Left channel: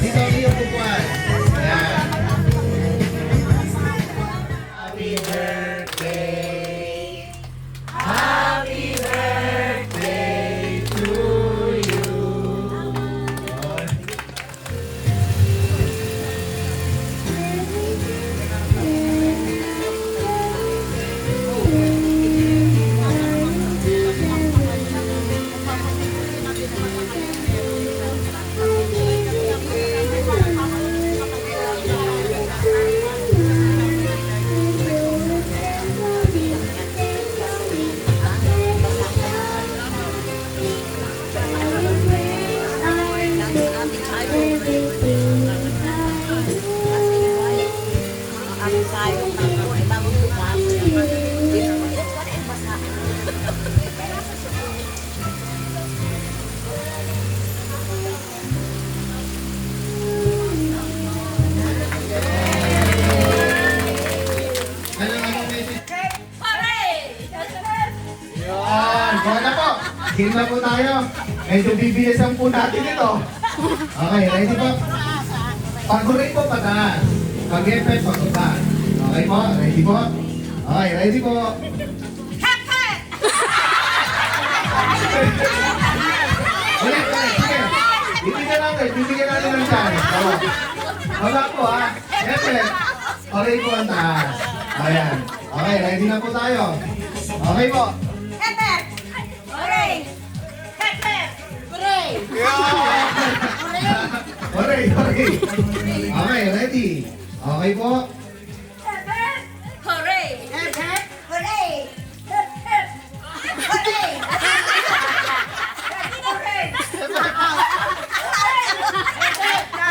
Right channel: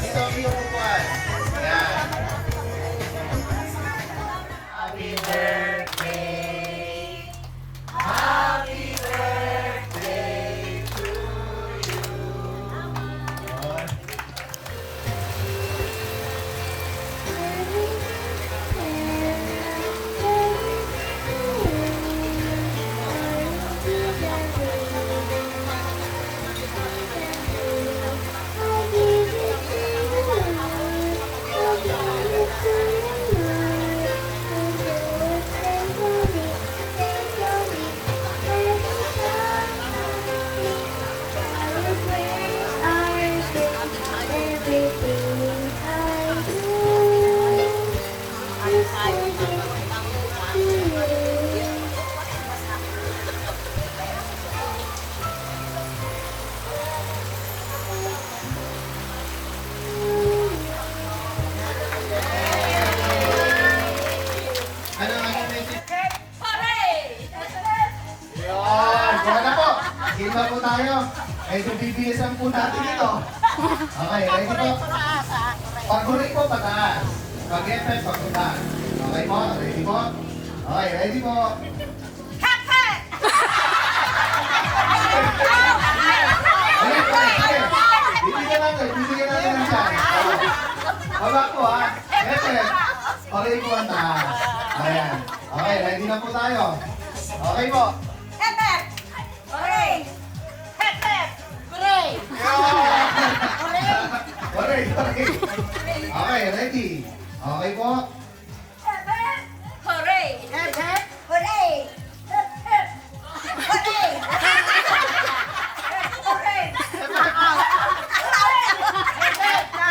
Dito ang iyong pupuan. Ayan. Happy birthday. Happy birthday to you. Buwan na po. Game na po tayo. Medyo bibilisan po natin ito. Okay, ready po? Pag-hurry po, pataas. Pag-effect, pag-baba. Okay po? Ready po? Okay, ready po? Ulit, ulit, ulit. Bibigyan natin ng chance. Wala po ha. Effect. Okay po ang taas. Ayan. Okay, ready na po tayo. Okay po. Okay, okay. Okay, ready. Okay po.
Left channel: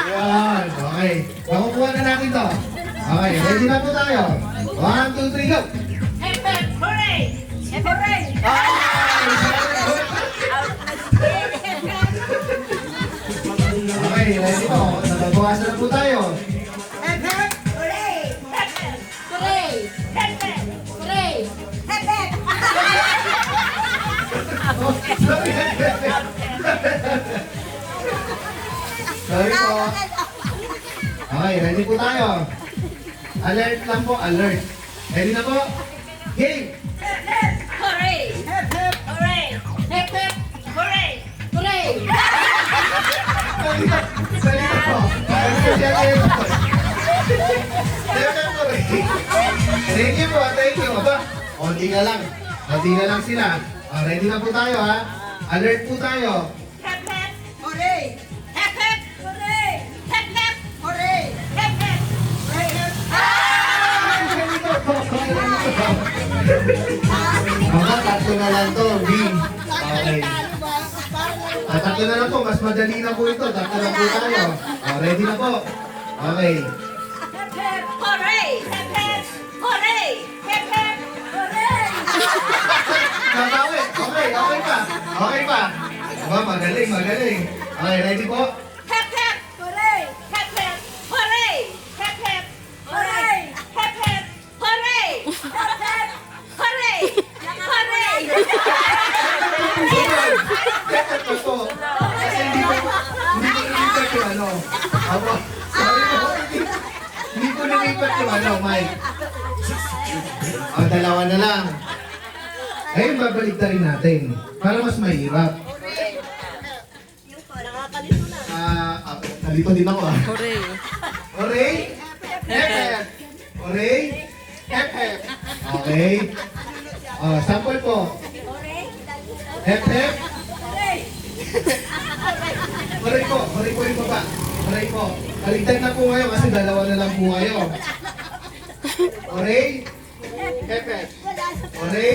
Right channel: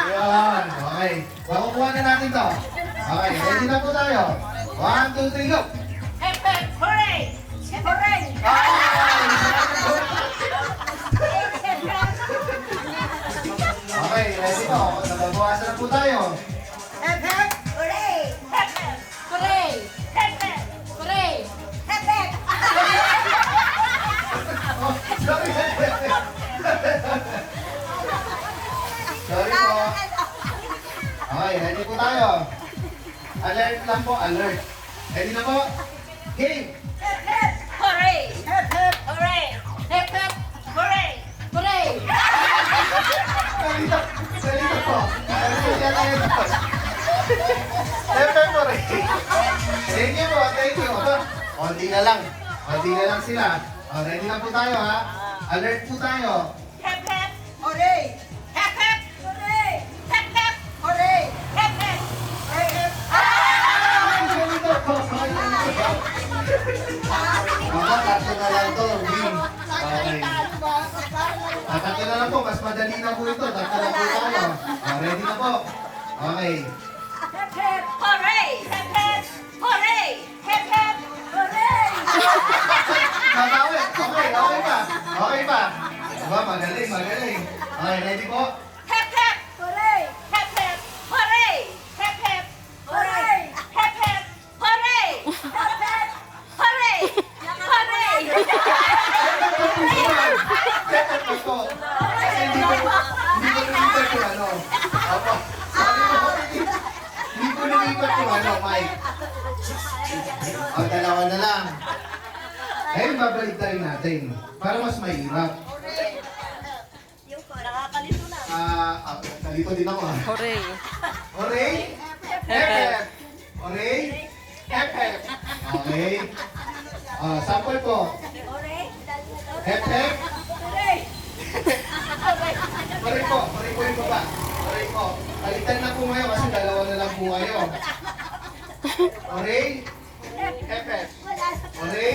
Yan, okay. Makukuha na natin to. Okay, ready na po tayo. 1, 2, 3, go! Okay, ready po. Nagbabawasan na po tayo. Sorry po. Okay, ready po tayo. Alert lang po, alert. Ready na po? Game! Salita po. Thank you po, thank you. Konti na lang. Konti na lang sila. Ready na po tayo ha. Alert po tayo. Tatlo na lang to, win. Okay. Tatlo na lang po, mas madali na po ito. Tatlo na po tayo. Ready na po. Okay. Nabawi. Okay, okay pa. Okay pa. Aba, magaling, magaling. Okay, ready po? Hindi ko nilipat yung ano, Mike. Dalawa na lang. Ayun, babalik na rin natin. Para mas mahirap. Nakakalito na. Nalito din ako Hooray! Hooray! Hep-hep! Hooray! Hep-hep! Okay. Sample po. Hep-hep! Hooray po! Hooray po yung baba. Hooray po. Kaligtan na po ngayon kasi dalawa na lang po kayo. Hooray! Hep-hep! Hooray!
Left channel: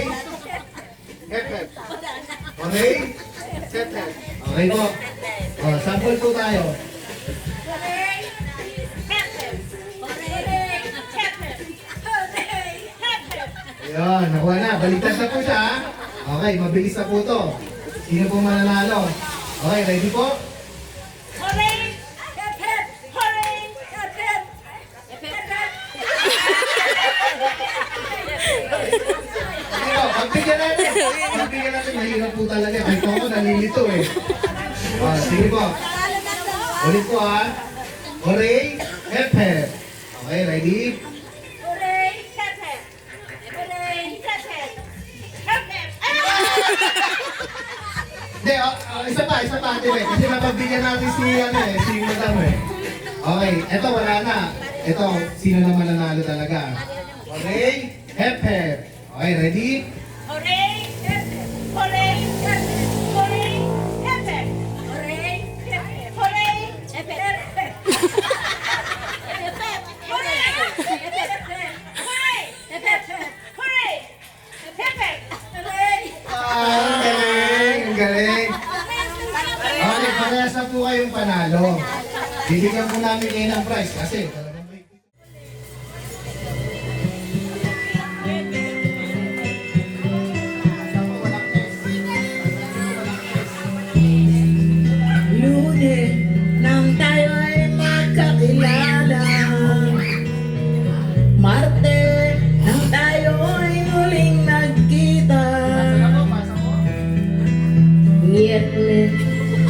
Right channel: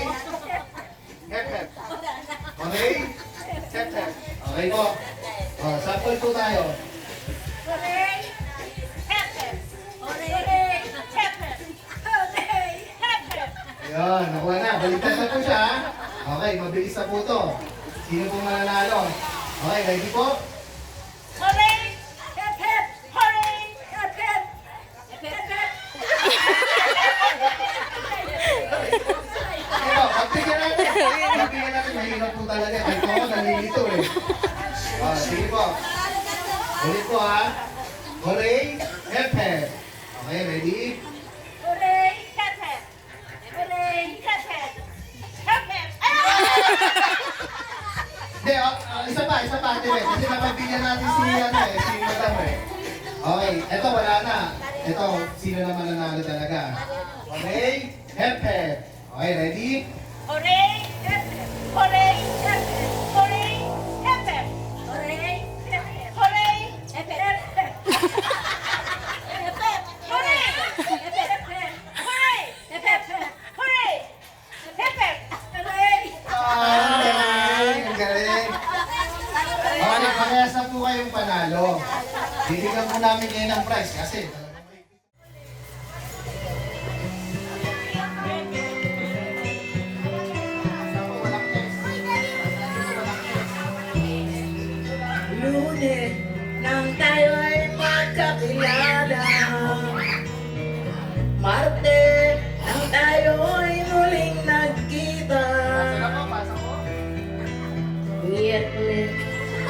Hep-hep! Hooray! Hep-hep! Okay po. Sample po tayo. Ayan, nakuha na. Baligtad na po siya. Okay, mabilis na po to. Sino po mananalo? Okay, ready po? Pag Bigyan natin. Bigyan natin. Mahirap po talaga. Kahit ako nalilito eh. Sige po. Ulit po ha. Hooray, hep hep. Okay, ready? Hooray! Hep hep! Hooray! Hep hep! Hep hep! Hindi, isa pa, Ate. Kasi napagbigyan natin si Madam eh. Okay, eto wala na. Eto, sino naman nanalo talaga? Hooray, hep hep. Okay, ready? Hooray! Hep hep! Hooray! Hep hep! Hooray! Hep hep! Hooray! Hep hep! Hooray! Hep hep! Hep hep! Hooray! Hep hep! Hooray! Hep hep! Hooray! Hep hep! Hooray! Ang galing, ang galing. Okay, parehas na po kayong panalo. Bibigyan po namin kayo ng prize kasi Lunes nang tayo'y magkakilala, Marte nang tayo'y muling nagkita, Miyerkules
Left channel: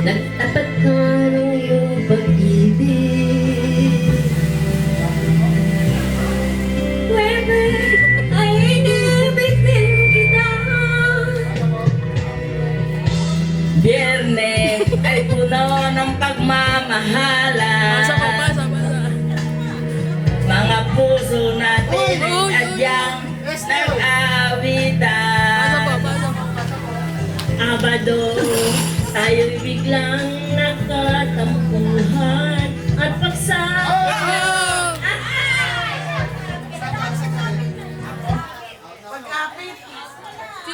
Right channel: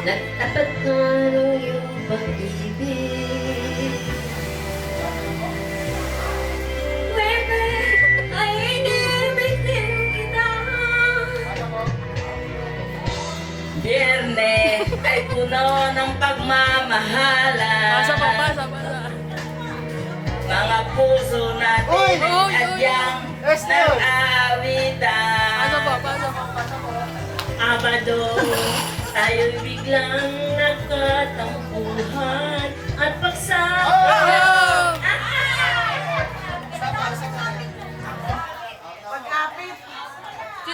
nagtapat ka ng iyong pag-ibig, Huwebes ay inibig din kita, Biyernes ay puno ng pagmamahalan. Mga puso natin ay adyang nag-aawitan. Abado, tayo'y biglang nagkatampuhan at pagsama.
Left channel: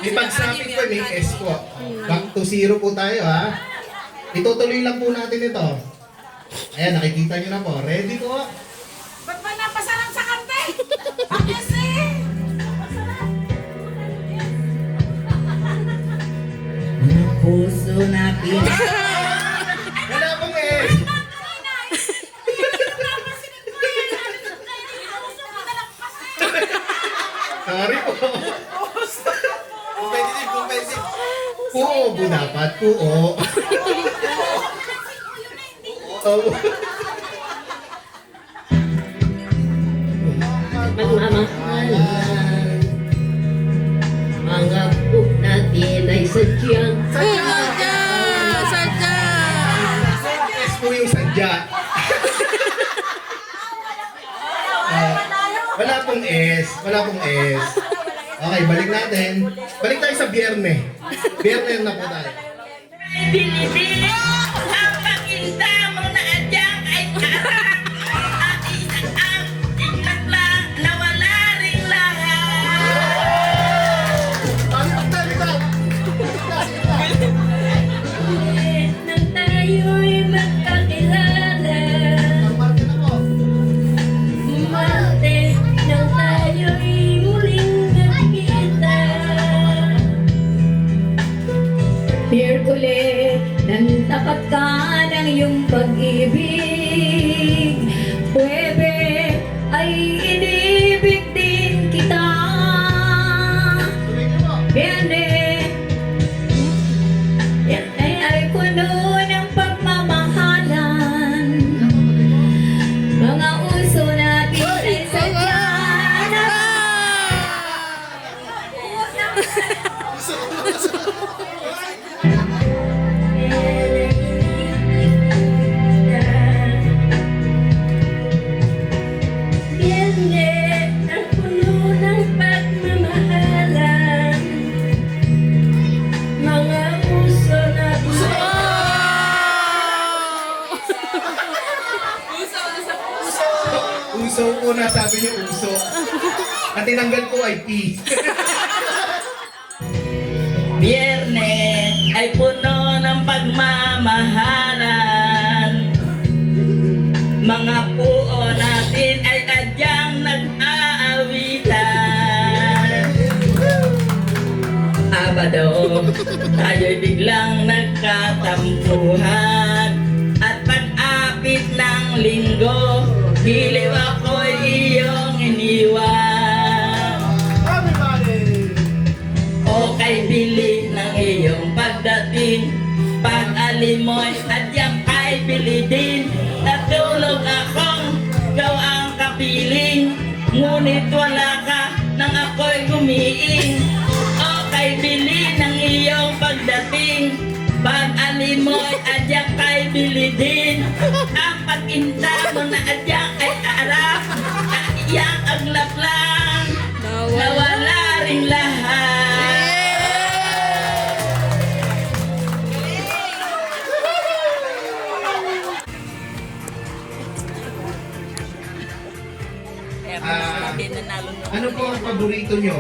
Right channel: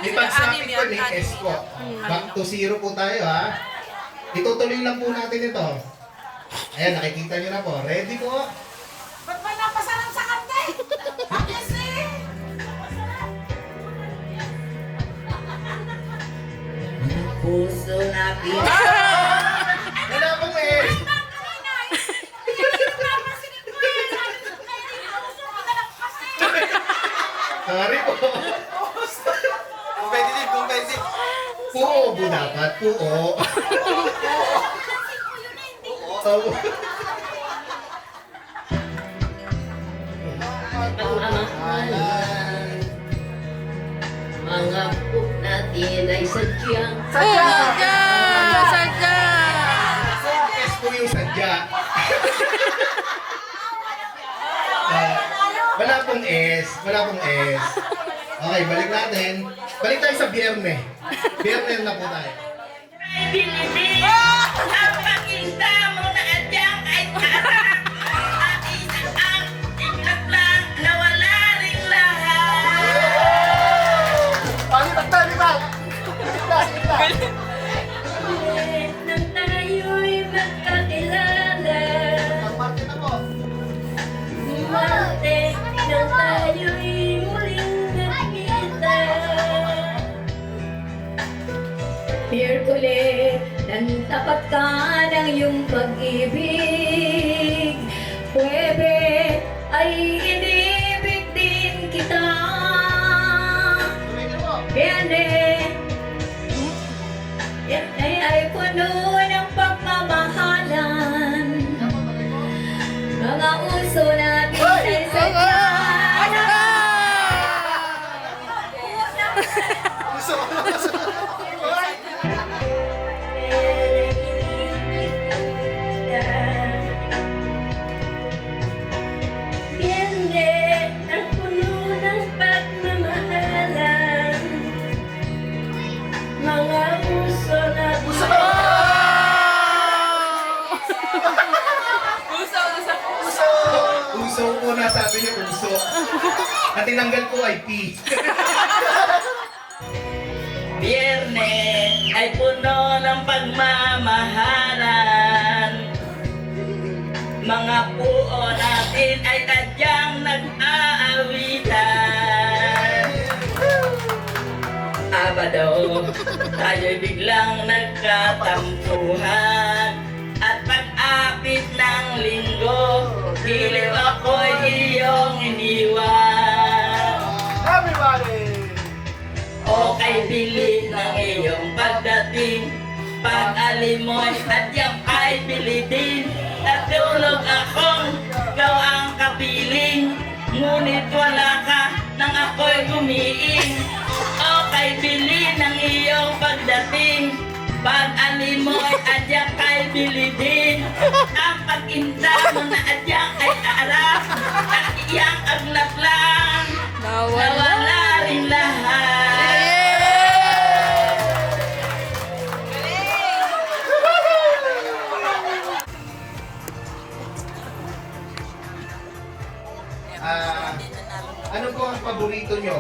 may pagsapit ko, may S po. Back to 0 po tayo ha. Itutuloy lang po natin ito. Ayan, nakikita nyo na po. Ready po? Ba't ba napasarang sa kante? Kasi! Mga puso natin. Wala pong S. Sorry po. Competitive. Puo po dapat. Puo. Oo. Pagmamahalan. Mga book natin ay sadyang S po yung sadya. Wala pong S. Wala pong S. Okay, balik natin. Balik tayo sa biyerne. Biyerne na po tayo. Bilibili ang pakinta mo na adyang ay karang at isang ang iglap lang na wala ring lahat. Nang tayo'y magkakilala, Marte nang tayo'y muling nagkita, Miyerkules nang tapat ka ng iyong pag-ibig, Huwebes ay inibig din kita, Biyernes ay puno ng pagmamahalan, mga uso natin ay sadya Biyernes ang puno ng pagmamahalan, mga uso natin Uso po na, sabi niyo uso. At tinanggal po ay P. Biyernes ay puno ng pagmamahalan, mga puo natin ay tadyang nag-aawitan. Abado, tayo'y biglang nagkatampuhan at pag-apit ng linggo, giliw ako'y iyong iniwan. Everybody! O bili ng iyong pagdating. Pag-alimoy at yang ay bili din. Natulog akong ikaw ang kapiling. Ngunit wala ka nang ako'y gumiing. Okay, bili ng iyong pagdating. Pag-alimoy at yang ay bili din. Ang pag-inta mo na at yang ay arap. At iyang aglap lang. Nawala rin lahat. Ano po ang paborito nyo?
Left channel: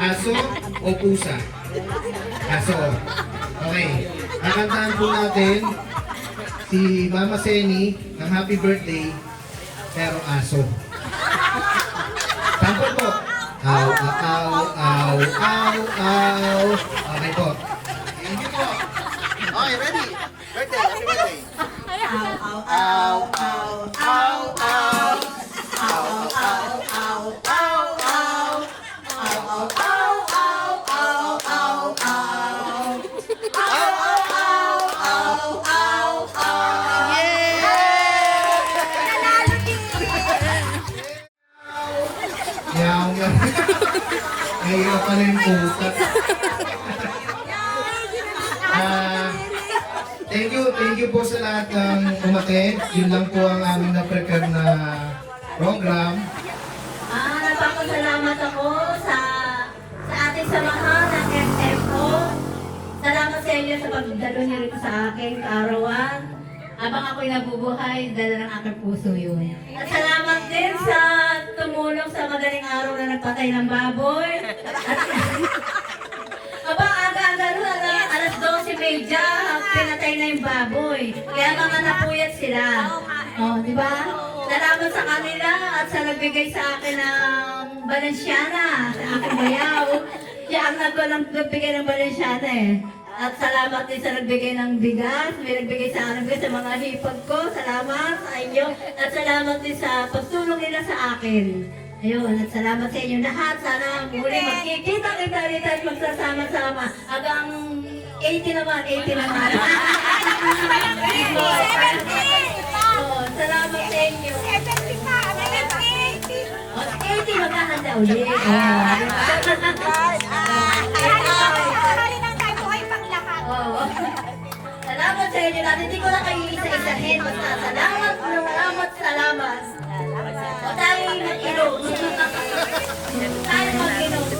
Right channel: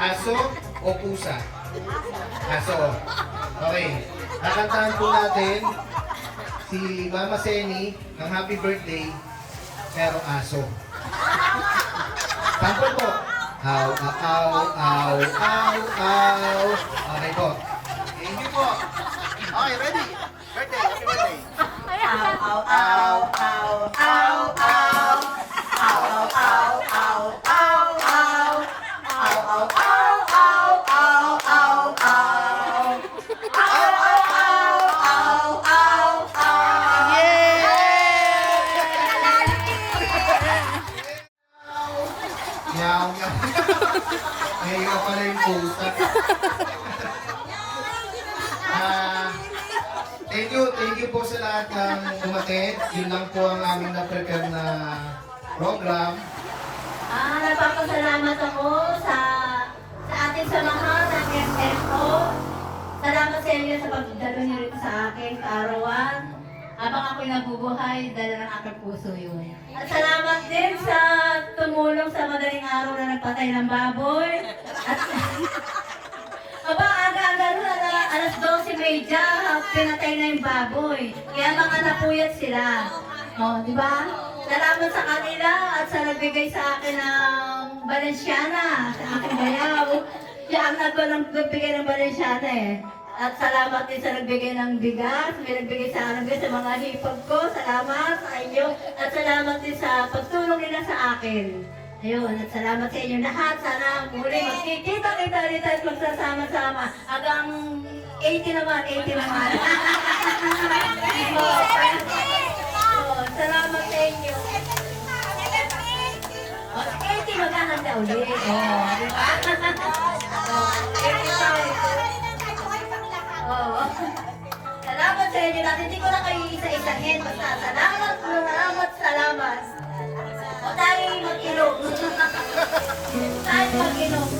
Aso o pusa? Aso. Okay. Kakantahan po natin si Mama Seni ng happy birthday pero aso. Sample po. Aw, aw, aw, aw, aw. Okay po. Thank you po. Okay, ready? Birthday, happy birthday. Ow, ow, ow, ow, ow, ow. Ow, ow, ow, ow, ow, ow. Ow, ow, ow, ow, ow, ow, ow. Ow, ow, ow, ow, ow, ow. Yaw, yaw. Mahirap pala yung pusa. Thank you po sa lahat ng umaten. Yun lang po ang aming na-prepare na program. Nagpapasalamat ako sa ating samahan ng FFO. Salamat sa inyo sa pagdalo niyo rito sa akin, kaarawan. Habang ako'y nabubuhay, dala ng aking puso yun. At salamat din sa tumulong sa madaling araw na nagpatay ng baboy. At aba, aga-aga nun, alas 12:30, pinatay na yung baboy. Kaya mga napuyat sila. O, di ba? Salamat sa kanila at sa nagbigay sa akin ng Balenciana, sa aking bayaw. Siya ang nagbigay ng Balenciana eh. At salamat din sa nagbigay ng bigas. May nagbigay sa akin sa mga hipag ko. Salamat sa inyo. At salamat din sa pagtulong nila sa akin. Ayun, at salamat sa inyo lahat. Sana muli magkikita kita rito at magsasama-sama. Hanggang 80 naman, 80 naman. Salamat sa inyo. O, 80 maghahanda ulit. Salamat sa inyo lahat. Hindi ko na kayo isa-isahin. Basta salamat, salamat, salamat. O tayo mag-inom. Tayo mag-inom.